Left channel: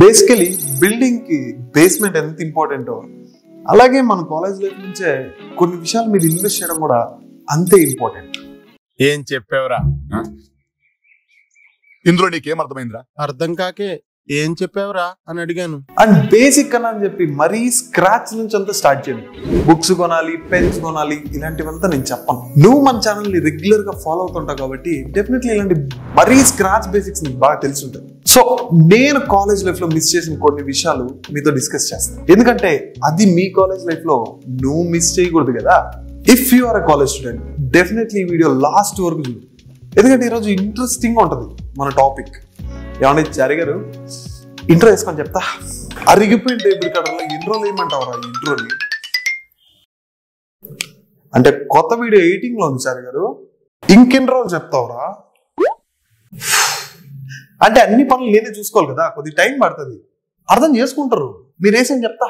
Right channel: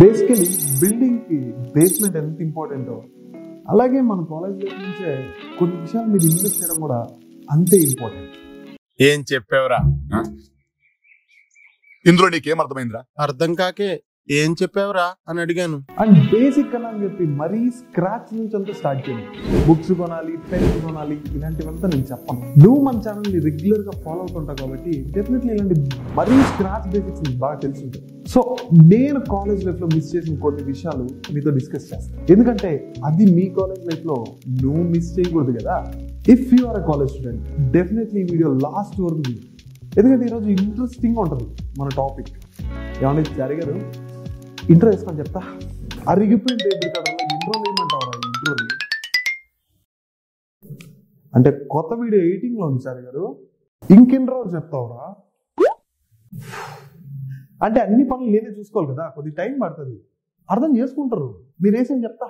Basically building కి basement ఎంత ఇంపార్టెంటో అలాగే మన కాలేజ్ లైఫ్ నుంచే కొన్ని విషయాలు మీరు ఇన్వెస్ట్ చేయడం కూడా అంతే ఇంపార్టెంట్. ఏం చెప్పావురా? ఇందులో నీకేం అర్థమైందిరా? అర్థం కాకే ఏం చెప్పావురా అని అడిగాను. అండ్ బేసిక్ కన్నా అని చెప్పి మరీ స్క్రాచ్ నుంచి అంతా స్టార్ట్ చేయండి. బుక్స్ కొనాలి, పెన్స్ కొనాలి, ఇలాంటివంతా నేను చెప్పను. నువ్వు మన ఛానల్ ని రెగ్యులర్ గా ఫాలో అవుతుంటావు కాబట్టి డెఫినెట్లీ ఇలాంటి మరీ స్క్రాచ్ బేసిక్స్ నీకు బాగా తెలిసి ఉంటుంది. సో నేను కాలేజ్ లైఫ్ లో మిస్ చేసిన కొన్ని విషయాలు మీతో డిస్కస్ చేస్తాను, ఎందుకంటే అది మీ కాలేజ్ లైఫ్ లో నువ్వు మిస్ చేయకూడదు కదా. If you are a college student definitely ఈ వీడియో లాస్ట్ వరకు చూడు, ఎందుకంటే ఈరోజు ఇంట్రెస్టింగ్ ఉంటుంది మన టాపిక్. ఏమన్నా జరిగారు ఇంట్రో వేసుకొని చెప్తా. అరిగిపోయిన టేబుల్ కడలో ఇంట్రోలు ఏమంటావురా? ఇంట్రోని అంటే కొత్త వీడియో ఎడిటింగ్ లో ఉంది సార్ గారు, ఇంకెంట్రోలు చెప్తావురా? అంటే అన్ని పనులు నేనే చూసుకోవాలి కదా, కొద్ది టైం పడుతుంది, అర్థం చేసుకుంటారు. మీరు వేసేం చెప్తా.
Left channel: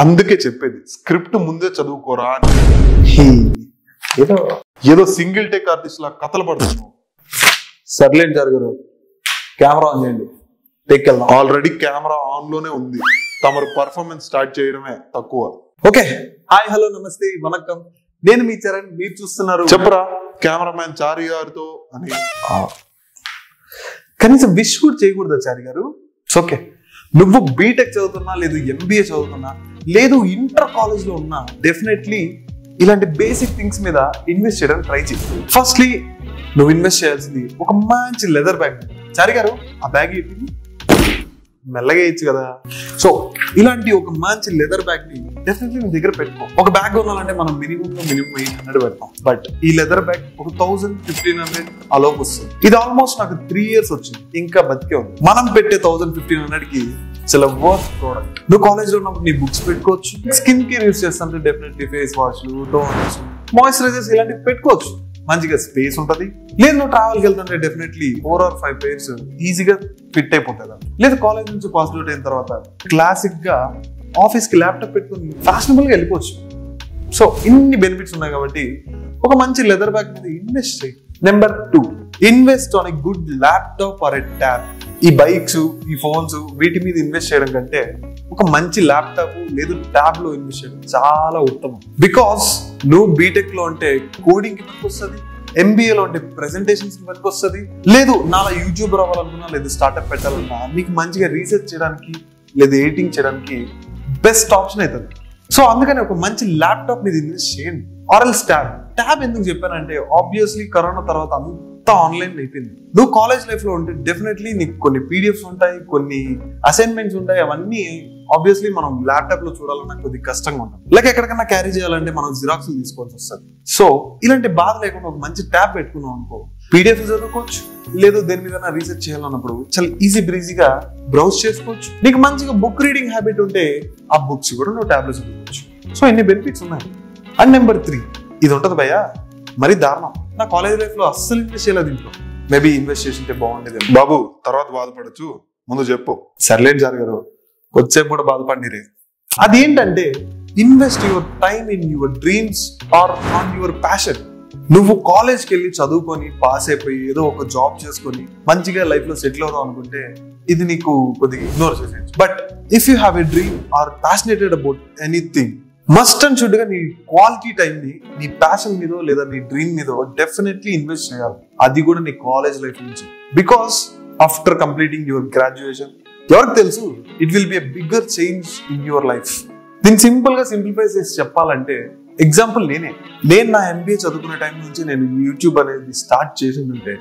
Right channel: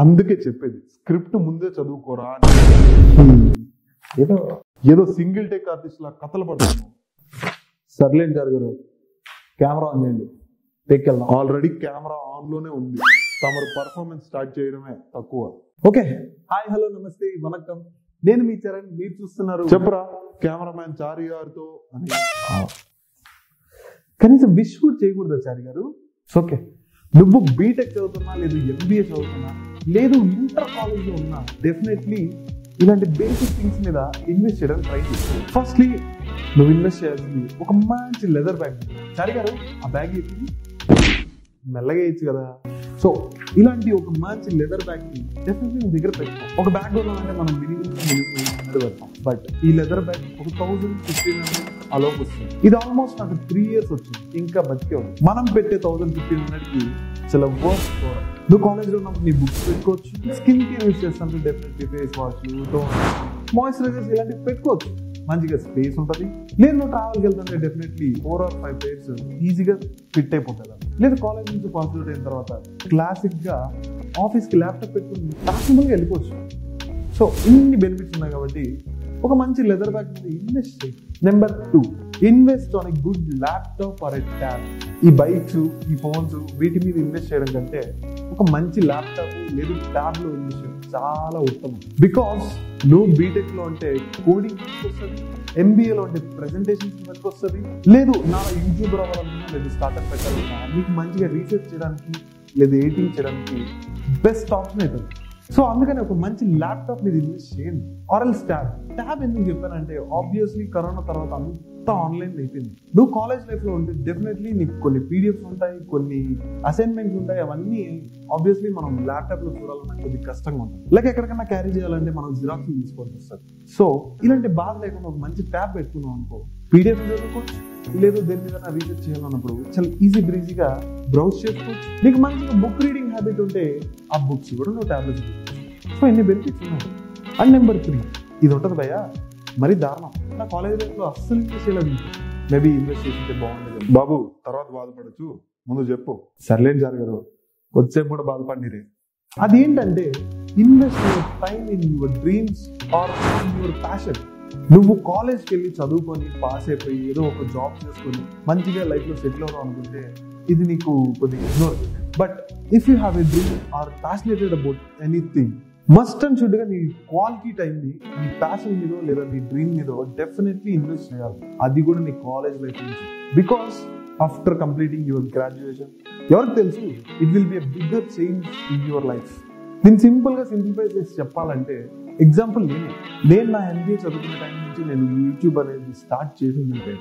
అందుకే చెప్పేది స్క్రిప్ట్ ముందే చదువుకోరా. ఏదో ఏదో సింగిల్ టేక్ ఆర్టిస్ట్ లా కథలు పడుతున్నాం. సర్లేండి జరగరు, కెమెరా ఆన్ చేయండి, టేక్ వెళ్దాం. ఆల్రెడీ కెమెరా ఆన్ లోనే ఉంది, తమరు పర్ఫార్మెన్స్ స్టార్ట్ చేయడమే తక్కువ. ఓకే, హాయ్, హలో, నమస్తే, వనక్కం. నేను మీ చరణ్, మీరు చూస్తున్నారు చెప్పరా కెమెరామ్యాన్ చారి గారితో అని. కనీసం విష్ కూడా చేయకూడదా చారి గారు? ఓకే, నువ్వు బీటెక్ చదువుతున్నా, లేదు ఎంబీఏ చదువుతున్నా, లేదు ఇంటర్ కాలేజ్ లో ఉన్నా, డెఫినెట్లీ ఇలాంటి బేసిక్ థింగ్స్ మీద ఇన్వెస్ట్ చేయడానికి ట్రై చేయి. ఫస్ట్లీ నువ్వు ఇన్వెస్ట్ చేయాల్సింది ఒక మంచి లెదర్ బ్యాగ్. చారి గారు ఆ బ్యాగ్ ఏంటి? మెల్లగా ఇచ్చు కదా. సో ఇలాంటి ఒక మంచి లెదర్ బ్యాగ్ ని డెఫినెట్లీ నీ దగ్గర పెట్టుకో. ఒక బ్యాగ్ కొనాలంటే మనం మినిమం 800 పెడతాం, బట్ ఈ లెదర్ బ్యాగ్ ఒక 1000-1500 అలోకి వస్తుంది. ఇది ఆల్మోస్ట్ నాకు 3 years వచ్చింది, ఇంకా బతికే ఉంది. మనం పెట్టే 1000-1500 కి చాలా వర్త్ ప్రోడక్ట్. నువ్వు కాలేజ్ లో ఉన్నప్పుడు నీ బుక్స్ పెట్టుకోవచ్చు, స్కిన్ కేర్ యూస్ చేస్తుంటే డెఫినెట్లీ ఫేస్ వాష్లు, టోనర్స్, మాయిశ్చరైజర్స్ ఇలాంటివి పెట్టుకోవచ్చు. మంచిగా స్పేస్ ఉంటుంది. లేదు నువ్వు ట్రావెల్కి వెళ్తుంటే డెఫినెట్లీ 4 or 5 pairs ఈజీగా ఫిట్ అయిపోతుంది. లేదు కాలేజ్ నుంచి పాస్ అవుట్ అయిన తర్వాత క్లాసిక్ గా ఆఫీస్ కి ల్యాప్టాప్ పెట్టుకుని ఫ్యాషనబుల్ గా వెళ్ళిపోవచ్చు. సో ఇన్ని బెనిఫిట్స్ ఉన్నాయి కాబట్టి ఒక మంచి లెదర్ బ్యాగ్ మీద ఇన్వెస్ట్ చేయి. Number 2, invest on a good laptop or a tab. ఈ బైక్స్, ఈ ఫోన్స్, వీటి మీద ఇన్వెస్ట్ చేయడం కంటే ఒక మంచి ల్యాప్టాప్ లేదు ట్యాబ్ లో ఇన్వెస్ట్ చేయడం చాలా ఉత్తమం. బికాస్ నువ్వు బీటెక్ లో ఉంటే కోడింగ్ కి వస్తుంది, ఎంబీఏ లో ఉంటే ప్రెజెంటేషన్స్ కి వస్తుంది, లేదు నాలా యూట్యూబర్ అవ్వాలనుకున్నా, లేదు స్టార్ట్అప్ పెట్టాలన్నా, మీకు మంచిగా రీసెర్చ్ చేయడానికి లేదు ఎడిటింగ్ చేయడానికి బెస్ట్ ఆప్షన్ అవుతుంది. సో అందుకని ఒక మంచి ల్యాప్టాప్ మీద ఇన్వెస్ట్ చేయండి. ఆర్ఎల్స్ ట్యాబ్ ఎందుకు చెప్పానంటే ఆబ్వియస్లీ కరోనా తర్వాత అంతా ఆన్లైన్ అయిపోయింది. నువ్వు కాలేజ్ లైఫ్ లో ఉంటే డెఫినెట్లీ నీకు కొన్ని పీడిఎఫ్స్ ఉంటాయి, కొన్ని అసైన్మెంట్స్ ఉంటాయి. అవన్నీ ఆబ్వియస్లీ మనం ల్యాప్టాప్ లో చూడాలన్నా కొద్దిగా కష్టంగా ఉంటుంది. లైక్ ఎక్కడికన్నా క్యారీ చేయాలంటే మనం జిరాక్స్ తీసుకోవాల్సి వస్తుంది. సో ఇలాంటి బాధ లేకుండా ఒక మంచి ట్యాబ్ పెట్టుకున్నాం అనుకో, పీడిఎఫ్ చదువుకోవచ్చు, లేదు దేని మీద రీసెర్చ్ చేయాలన్నప్పుడు చాలా ఈజీ బ్రీజీగా బ్రౌజ్ చేసుకోవచ్చు. నీకు మంచిగా బుక్ రీడింగ్ హ్యాబిట్ ఉంటే ఆ బుక్స్ కూడా నువ్వు ట్యాబ్లో చదువుకోవచ్చు. సో ఇన్ని బెనిఫిట్స్ ఉన్నాయి. అండ్ నెంబర్ 3, ఇది ఉంటుంది భయ్యా మరి దారుణం. నా కాలేజ్ లైఫ్ లో అస్సలు ఇన్వెస్ట్ చేయలేదు. మేబీ ఇన్వెస్ట్ చేసింటే బాగుండేది. బాబు తర్వాత బాధపడచ్చు, ముందు చెప్పు. సర్లేండి జరగరు, వచ్చేపు కూడా బాధపడినరే. అదేంటంటే invest your time in your dreams or on your passion. నువ్వు కాలేజ్కి వెళ్ళి చదువుకొని పాస్ అయిపోయి ఏదో ఒక జాబ్ చేసుకొని మంచిగా లైఫ్ లో సెటిల్ అవుదాం అనుకుంటే ఇది నీకు కొద్దిగా ఇగ్నోర్ చేసేయచ్చు. But if you have a dream are passionated about anything, must and should గా నీ క్వాలిటీ టైం ని నీ ప్యాషన్ మీద లేదా నీ డ్రీమ్ మీద డెఫినెట్లీ ఇన్వెస్ట్ చేయాలి. అది కూడా నీ కాలేజ్ లైఫ్ నుంచి. Because after completing your graduation ఎవరికి తెలుసు, it will be a bigger change in your life. దీన్ని సింపుల్ గా సింప్లిఫై చేసి చెప్పాలంటే ఎగ్జాంపుల్ నేను నా ఎంబీఏ చదువుకునే టైం నుంచి నేను యూట్యూబ్ అనేది స్టార్ట్ చేసిందంటే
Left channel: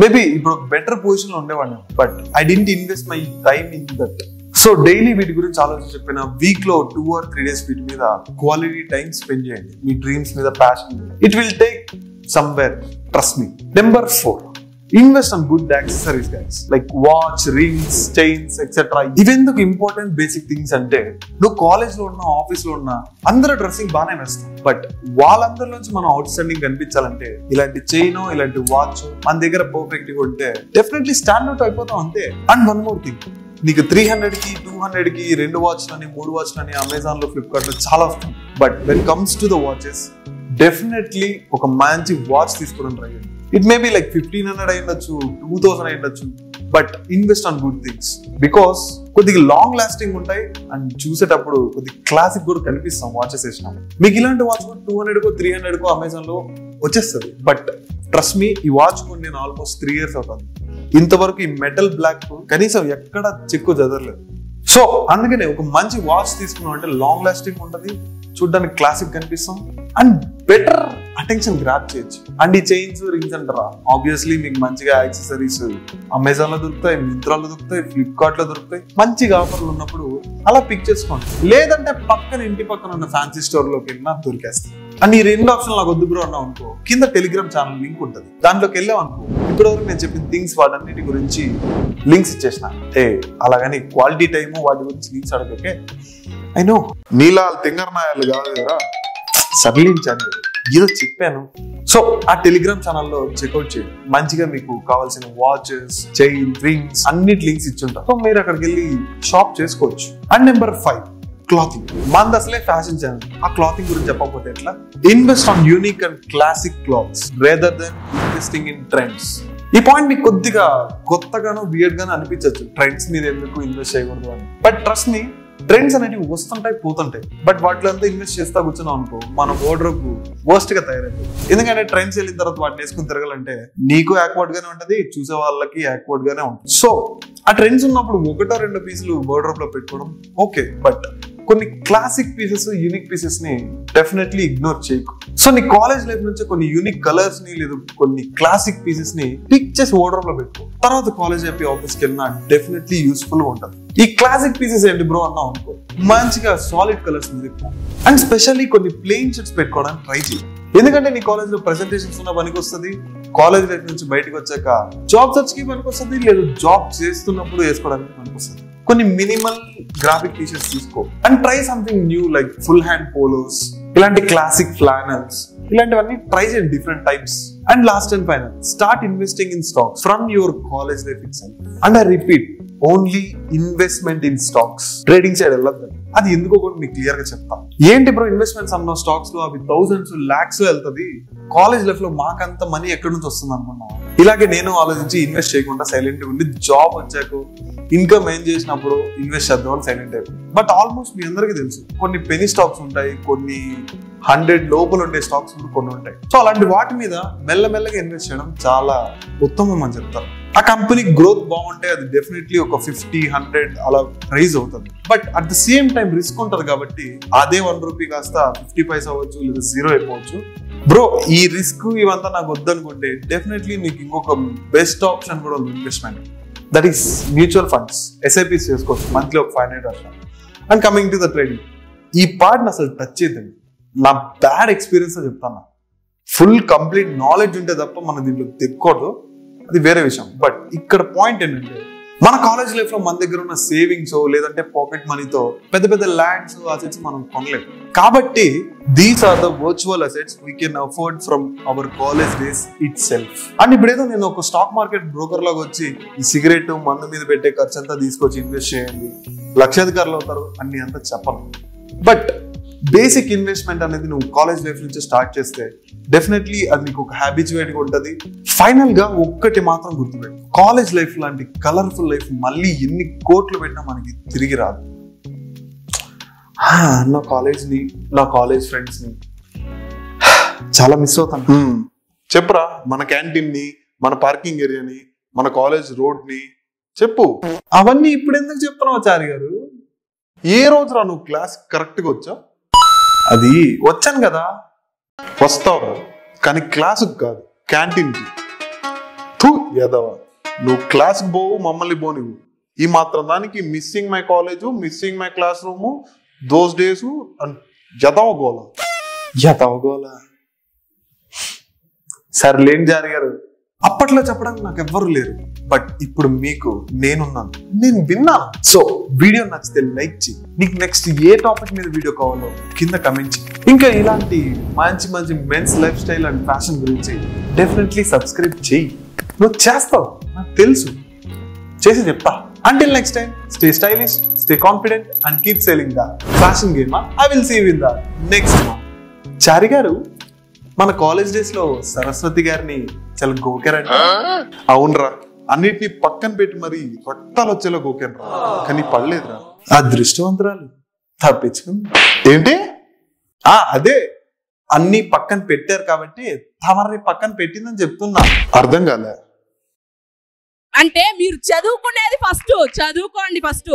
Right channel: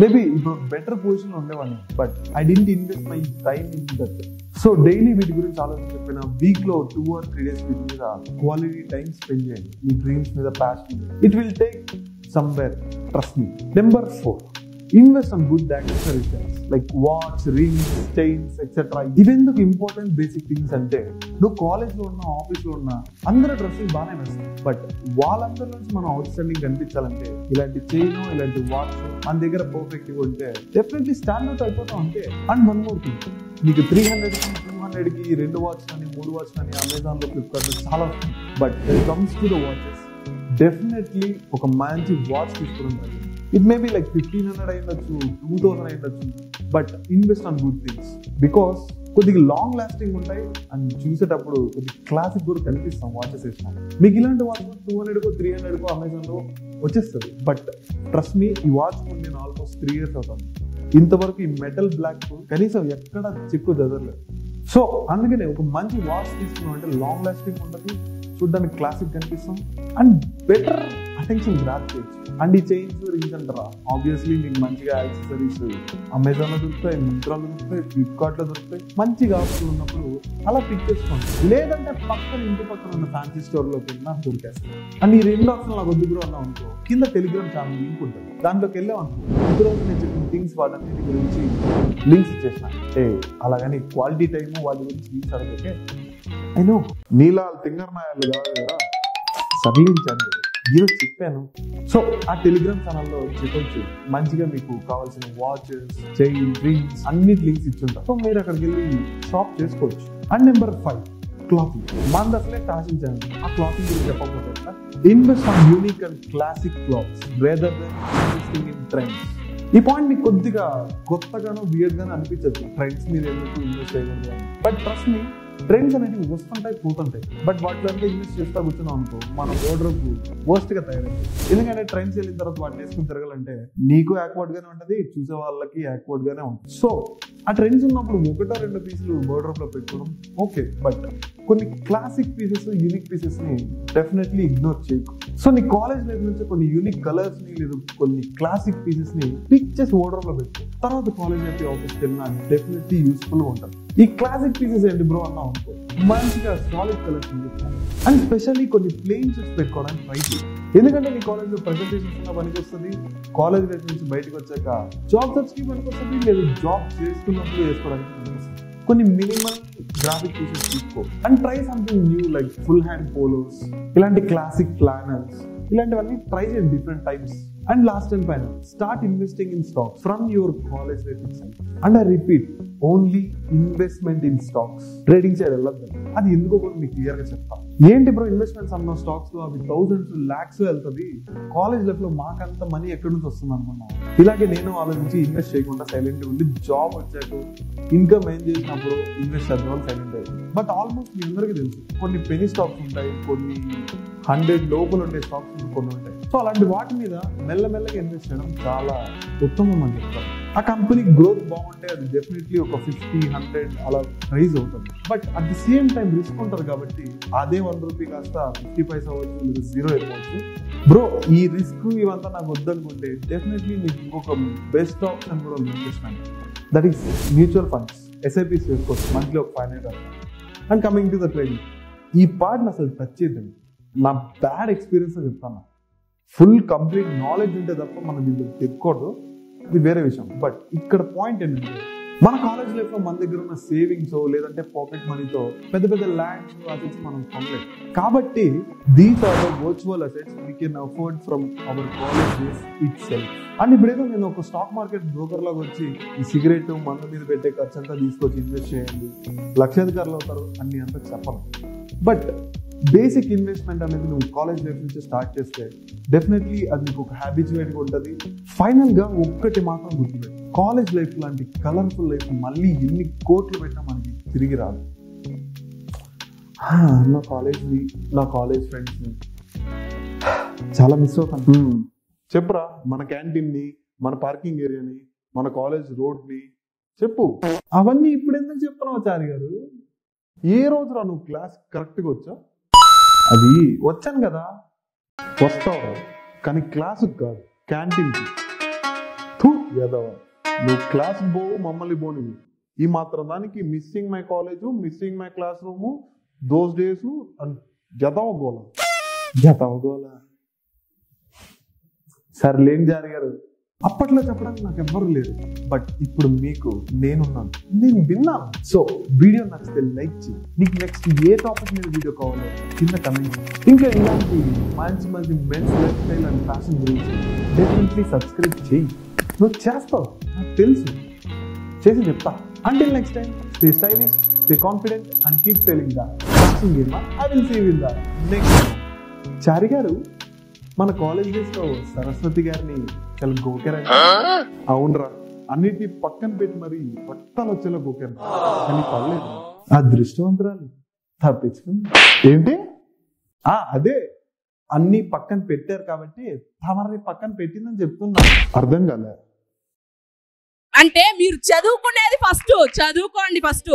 మేబీ ఇప్పుడు బెటర్ పొజిషన్ లో ఉండేవాడిని. But I didn't invest my time in that. So daily వీటి గురించి ఆలోచించి చెప్పిన వీక్ లో 2 or 3 days వీటి మీద క్వాలిటీ టైం స్పెండ్ చేయండి. మీ డ్రీమ్స్ మీద passion, it will take somewhere, trust me. Number 4, invest on good accessories guys, like watch, rings, chains etcetera. ఇవెందుకు ఇంపార్టెంట్ బేసిక్ థింగ్స్ అంటే, నువ్వు కాలేజ్ లో ఉన్నా, ఆఫీస్ లో ఉన్నా అందరూ డ్రెస్సింగ్ బాగానే వేస్తాం, బట్ వాళ్ళందరి నుంచి మనం అవుట్ స్టాండింగ్ కనిపించాలంటే ఇలాంటి చైన్, ఇలాంటి వాచ్ మన దగ్గర పర్ఫెక్ట్ గా ఉంటే డెఫినెట్లీ స్టాండ్ అవుట్ అయిపోతాం అంతే. అండ్ వన్ మోర్ థింగ్, నీకు 300కి 200కి 2 వాచ్లని 3 వాచ్లని అమెజాన్ లో, ఫ్లిప్కార్ట్ లో చాలా వస్తుంది. But when comes to the watches, definitely ఒక మంచి వాచ్ తీసుకోవడం ట్రై చేయండి. ఇట్ మే బి లైక్ 1500 అయ్యుండొచ్చు, 2000 అయ్యుండొచ్చు, but invest on good things because కొద్దిగా లాంగ్ లాస్టింగ్ ఉంటాయి అండ్ చూసేటప్పుడు కొద్దిగా క్లాసిక్ కూడా కనిపిస్తాం వాచెస్ వేసినాం. మీకు ఇలాంటి వాచ్ కూడా 200కో 300కో అమెజాన్ లో వచ్చేస్తుంది. బట్ ట్రస్ట్ మీ, ఈ వాచ్ కూడా నేను ఆల్మోస్ట్ 3 years అవుతాను. ఇంతవరకు ఈ మెటల్ బ్లాక్ కనీసం ఎక్కడ చెక్కు చదవలేదు. సో అందుకనే ఒక మంచి వాచ్ తీసుకున్నాం అంటే లాంగ్ లాస్టింగ్ ఉంటుంది, చూడడానికి క్లాసిక్ కనిపిస్తాం అండ్ బెటర్ అటెన్షన్ గ్రాప్ చేయొచ్చు. అండ్ ఈ చైన్స్, రింగ్స్ అంటారా, ఆబ్వియస్లీ మీకు మంచిగా యాక్సెసరీస్ అమెజాన్ లో దొరుకుతాయి, మింత్రాలో దొరుకుతాయి, ఫ్లిప్కార్ట్ లో దొరుకుతాయి. మంచిగా ఆఫర్లు ఉన్నప్పుడు అలా పిక్ చేసుకోండి, లేదంటే పక్కన ఇంటి పక్కన ఉన్న ఫ్యాన్సీ స్టోర్ లోకి వెళ్ళినా దొరికేస్తాయి. అండ్ ఈ 2 ఆప్షన్ నాకు వద్దు బ్రో అన్నావు అనుకో, కింద టెలిగ్రామ్ ఛానల్ లింక్ ఉంటుంది, దాంట్లోకి వెళ్ళావు అనుకో, ఇప్పటివరకు నేను చెప్పిన థింగ్స్ వాటన్నిటి గురించి లింక్స్ ఇచ్చేసిన. అలాగని క్వాలిటీ టైము వాటి గురించి లింక్స్ అడగకే. ఐ నో నీలా తింగర్నాయాలు కాదు కదా, సడలించాను ఏదో చెప్పాను. సో ఆ టెలిగ్రామ్ ఛానల్లో చెక్అవుట్ చేయండి, మంచిగా మీకు కావాల్సిన వాచెస్, చైన్, రింగ్స్ అన్నిటి లింక్స్ ఇచ్చుంటారు. సో మీరు అక్కడికి వెళ్ళి షాప్ చేసుకోవచ్చు. And number 5, clothing. మనది అసలే ఫ్యాషన్ ఛానల్, ఆ క్లాతింగ్ గురించి చెప్పకపోతే ఎట్లా? Invest on unique and classic clothes rather than investing in trends. ఈ పాయింట్ మీకు కొద్దిగా కొత్తగానో వియర్డ్ గానో అనిపించచ్చు, ట్రెండ్స్ మీద ఎందుకు ఇన్వెస్ట్ చేయకూడదు అని. బట్ ట్రస్ట్ మీ, ట్రెండ్స్ అనేవి వస్తుంటాయి పోతుంటాయి, బట్ వాటిలో అంతా ఇన్వెస్ట్ చేస్తా కూర్చున్నాం అనుకో, మన వార్డ్రోబ్ వర్స్ట్ గా తయారైంది. ఎందుకంటే ట్రెండ్స్ వెళ్ళిన తర్వాత వాటిని వేసుకుని తిరగాలంటే నీకు యాక్వర్డ్ గానే ఉంటది, చూసే వాళ్ళకి యాక్వర్డ్ గానే ఉంటుంది. సో ఆ ట్రెండ్స్ ఉన్నప్పుడు 1-2 పీసులు వార్డ్రోబ్ లో పెట్టుకోవడం ఓకే, బట్ కొన్ని క్లాసిక్ పీసెస్, యూనిక్ పీసెస్ ని డెఫినెట్లీ ఇగ్నోర్ చేయకు. సో నీ కాలేజ్ లైఫ్ నుంచి కొన్ని యూనిక్ కలర్స్ ని లేదా కొన్ని క్లాసిక్ పీసెస్ ని పిక్ చేసి వార్డ్రోబ్ లో పెట్టుకో, తర్వాత కాలేజ్ అయిపోయి ఆఫీస్కి వెళ్ళినా డెఫినెట్లీ యూస్ఫుల్ గా ఉంటుంది. ఈ క్లాసిక్ పీసెస్ ఏంటి బ్రో అన్నావు అనుకో, మంచిగా సాలిడ్ కలర్స్ మీద అండ్ స్పెషల్లీ కొన్ని ప్లెయిన్ షర్ట్స్ పెట్టుకోవడానికి ట్రై చేయి. ఎందుకంటే నీ కాలేజ్ లో ప్రెజెంటేషన్స్ ఉన్న పనికి వస్తుంది, కాలేజ్ లైఫ్ నుంచి బయటకు వచ్చాక జాబ్ సర్చ్ కి పనికి వస్తుంది, లేదా జాబ్ చేస్తున్నప్పుడు వేసుకోవడానికి పనికి వస్తుంది. కొన్ని మినిమల్ గ్రాఫిక్ టీషర్ట్స్ తీసుకో and try something new like full hand polos, ఇలాంటి క్లాసిక్ ఫ్లానల్స్, ఇలాంటివన్నీ ట్రై చేయండి, different types. And last and final, start investing in stocks from your college life itself. And I repeat, only investment in stocks, trading side వెళ్ళొద్దు. అది ఎందుకో కూడా మీకు clear గా చెప్తాను. ఏంటి బ్రో ఇన్వెస్ట్మెంట్స్ అన్న స్టాక్స్ లో అవి థౌసండ్స్, లాక్స్ లో వెళ్తుంది, కాలేజ్ లైఫ్ లో మాకంత మనీ ఎక్కడి నుంచి వస్తుంది అనుకున్నాం. ఇలాగే నేను ఆలోచించి ఇన్వెస్ట్ చేయకుండా సైలెంట్ ఉండి జాబ్ వచ్చాక ఇన్కమ్ ఏం చేసినప్పుడు ఇన్వెస్ట్ చేద్దామని సైలెంట్ అయిపోయింది. బట్ ఆల్మోస్ట్ మీ అందరికీ తెలుసు, కొన్ని పెనీ స్టాక్స్ ఉంటాయి, కొన్ని 100 లోపల ఉండే స్టాక్స్ కొన్ని ఉంటాయి. సో అలాంటి వాటి మీద మెల్లమెల్లగా ఇన్వెస్ట్ చేయడం చాలా ఉత్తమం అని చెప్తారు. ఆ కంపెనీ గ్రోత్ బాగుంటే అది డెఫినెట్లీ ఒక 50-100 అలా రైజ్ అవుతుంది. But at the same time risk ఉంటుంది కాబట్టి అదే 1 రూపీ కాస్త 50 పైసా అవ్వచ్చు, లేదా 0 అయిపోవచ్చు. బ్రో ఈ రిస్క్ ఇవంతా నాకు వద్దనుకుంటే డెఫినెట్లీ మీకు ఇంకొక బెస్ట్ ఆప్షన్ కూడా ఉంది investment, that is mutual funds. SIPs చేసుకోవచ్చు, మంత్లీ ఒక 500 అట్లా. And coming to the trading, ఈ పార్ట్ని అసలు టచ్ చేద్దండి, నా బ్యాడ్ ఎక్స్పీరియన్స్ చెప్తాను. ఫుల్ కంప్లీట్ నాలెడ్జ్ ఉంటే తప్ప మనం దీంట్లో తెక్కూడదు, అది వేరే విషయం. బట్ ఇక్కడ పాయింట్ ఏంటంటే, మన కాలేజ్ లైఫ్ లో మన దగ్గర ఉన్న సేవింగ్స్ లేదంటే పాకెట్ మనీతో పెద్ద పెద్ద ల్యాండ్స్, అసెట్స్ మనం కొనలేము. కాబట్టి these are the virtual assets we can afford from our college days itself. And ఇప్పుడేదో నేను ఒక స్టాక్ మార్కెట్ బ్రోకర్ లాగా వచ్చి ఈ సిగరెట్, మందు మీద పెట్టే ఖర్చు అంతా తీసుకొచ్చి ఇన్వెస్ట్ చేయండి, లక్షాధికారులు అవుతారు అన్ని అంతా చెప్పను. బట్ బేసిక్ ఇన్వెస్ట్మెంట్ అనేది నువ్వు కాలేజ్ లైఫ్ నుంచి స్టార్ట్ చేస్తే డెఫినెట్లీ అది నీకు ఒక హ్యాబిచువేట్ గా ఉంటుంది. ఫైనల్ గా ఒక్కటి మాత్రం గుర్తుపెట్టు, కాలేజ్ లైఫ్ లాంటి కలర్ఫుల్ లైఫ్ మళ్ళీ ఎన్ని కోట్లు పెట్టినా మనకి తిరిగి రాదు. నా కాలేజ్ని, నా కాలేజ్ ఫ్రెండ్స్ ని చాలా మిస్ అవుతాను. చెప్పురా, మన క్యాంటీన్ ని, మన పార్కింగ్ ఏరియాని, మన కాలేజ్ రోడ్ ని చెప్పు. అవన్నీ ఇప్పుడు ఎందుకు చెప్తున్నావు చారి గారు? ఏ రోజురా నువ్వు క్లాస్ కరెక్ట్ గా వచ్చా? అది వచ్చాను కదా. వస్తావు కానీ క్లాసుకు కాదు, క్యాంటీన్ కి. ఎదవా, నువ్వు క్లాస్కి పోవు, మమ్మల్ని పోనివు. ఈ మాత్రం దానికి missing my college, missing my classroom, those days యథవగోళ. సర్లేండి జారి గారు, అప్పట్లో చెప్పడానికి నాకు ఎవ్వరు లేరు, బట్ ఇప్పుడు మీకు నేనున్నాను, నేను విన్నాను. సో వీడియో నచ్చితే లైక్ చేయి. నీకు నెక్స్ట్ ఏ టాపిక్ మీద వీడియో కావాలో కింద కమెంట్ చేయి. ఇంకా ఇలాంటి మంచి మంచి men's lifestyle and fashion గురించి డెఫినెట్లీ సబ్స్క్రైబ్ చేయి. నువ్వు చేస్తావు, నాకు తెలుసు, చేసి చెప్తా. Until next time, stay stylish, stay confident and keep selling the fashion game. I will see you in the next one. చారి గారు, మన కాలేజ్ డేస్ లో సరస్వతి గారిని చాలా గోకారండి. అవునరా, అన్నిటిని పక్కన పెట్టి మరి రక్తాలు వచ్చేలా గోకారు, కానీ పడలేదురా. అదృష్టవంతురాలు తప్పించుకుంది. ఏంటి? అదే అన్ని పక్కన పెట్టారు కాబట్టి తమరిని పక్కన పెట్టిందని చెప్తున్నా. అర్థం కాలే. అంటే మీరు చదువుకునేది ఫస్ట్, చదువుకోండి ఫస్ట్.